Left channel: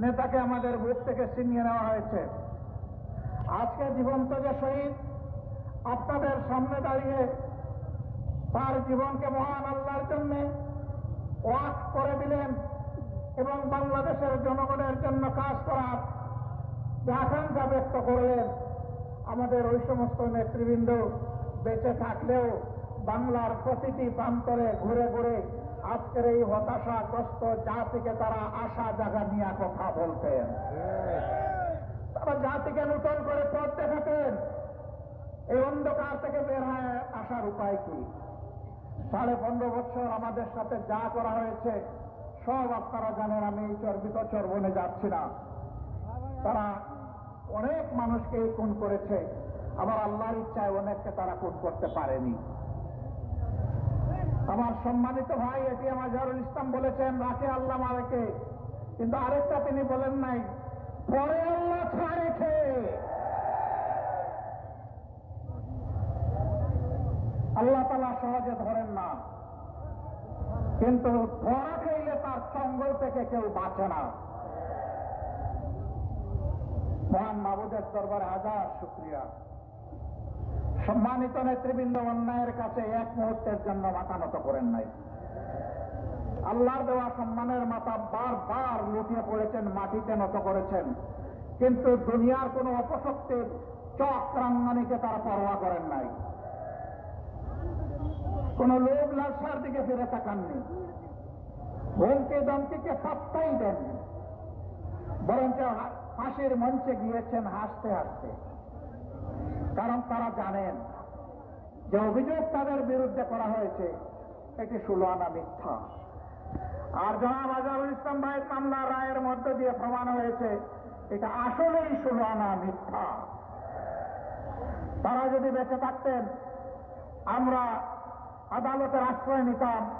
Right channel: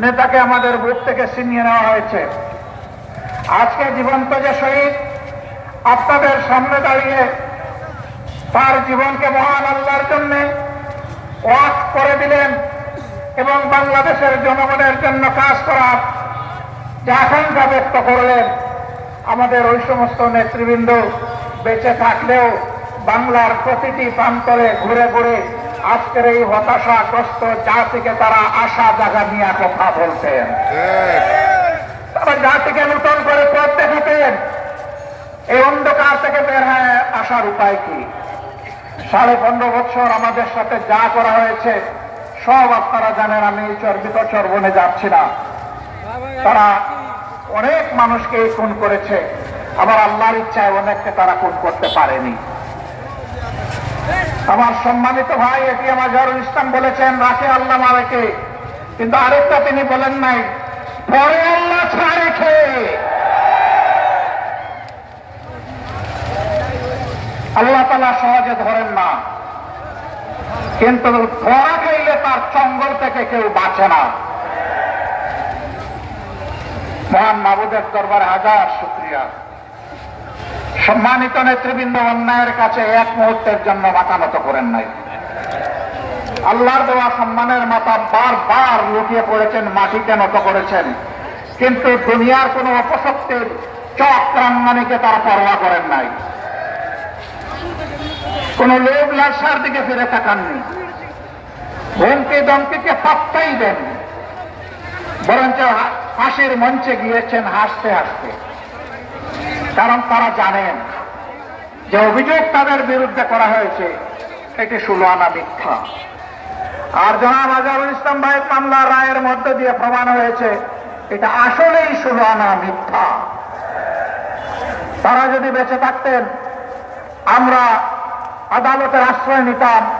নেতাকে আমাদের বুক থেকে ছিনিয়ে নেওয়া হয়েছে। আজকে জীবন্ত যে শহীদ আপনাদের সামনে দাঁড়িয়ে তার জীবনকে মহান আল্লাহর জন্য ওয়াকফ করে দিলেন এবং বাংলাদেশের জনগণের জন্য কাজ করার যে আকাঙ্ক্ষা ব্যক্ত করলেন, আমাদের ওই সমস্ত নেতৃবৃন্দ বেঁচে থাকলেও বাংলার প্রতিটি প্রান্তরে ঘুরে ঘুরে আজকের এই হতাশাগ্রস্ত জাতিকে তারা আশা জাগা নিয়ে কথা বলতেন, তারা জাতিকে নূতন করে পথ দেখাতেন। এই অন্ধকার থেকে বের হয়ে আসার উপায় কি? 15.5 বছর আমাদের সাথে যা করা হয়েছে সব আপনারা জানেন, আমি চর্বণে যাচ্ছি না। তারা অনেক মানুষকে খুন করেছে, আবার আল্লাহর ইচ্ছায় অনেককে তারা খুন করতে পারেনি। আমার সম্মানিত ভাই এটিএম আজহারুল ইসলাম বলেছেন রাখে আল্লাহ মারেকে, কিন্তু আরেকটা তিনি বলেন নাই পরে আল্লাহ ছাড়ে খেয়ে। আল্লাহ তাআলা সহজে ধরেন না, কিন্তু ধরা খাইলে তার চঙ্গল থেকে কেউ বাঁচে না। মহান মাবুদের দরবারে হাজার শুকরিয়া। সম্মানিত নেতৃবৃন্দ অন্যায়ের কাছে এক মুহূর্তের জন্য মাথা নত করেন নাই। আল্লাহর দেওয়া সম্মানের মাথা বারবার লুটিয়ে পড়েছেন, মাটিতে নত করেছেন, কিন্তু দুনিয়ার কোন অপশক্তির চক্রাঙ্গনীকে তারা পরোয়া করেন নাই। কোন লোভ লালসার দিকে ফিরে তাকাননি, হুমকি দমকিকে পাত্তাই দেননি, বরঞ্চ হাসির মঞ্চে গিয়েছেন হাসতে হাসতে। কারণ তারা জানেন যে অভিযোগ তাদের বিরুদ্ধে করা হয়েছে এটি 16 আনা মিথ্যা। আর জনাব আজহারুল ইসলাম ভাইয়ের মামলার রায়ের মধ্য দিয়ে প্রমাণ হয়েছে এটা আসলেই 16 আনা মিথ্যা। তারা যদি বেঁচে থাকতেন আমরা আদালতের আশ্রয় নিতাম।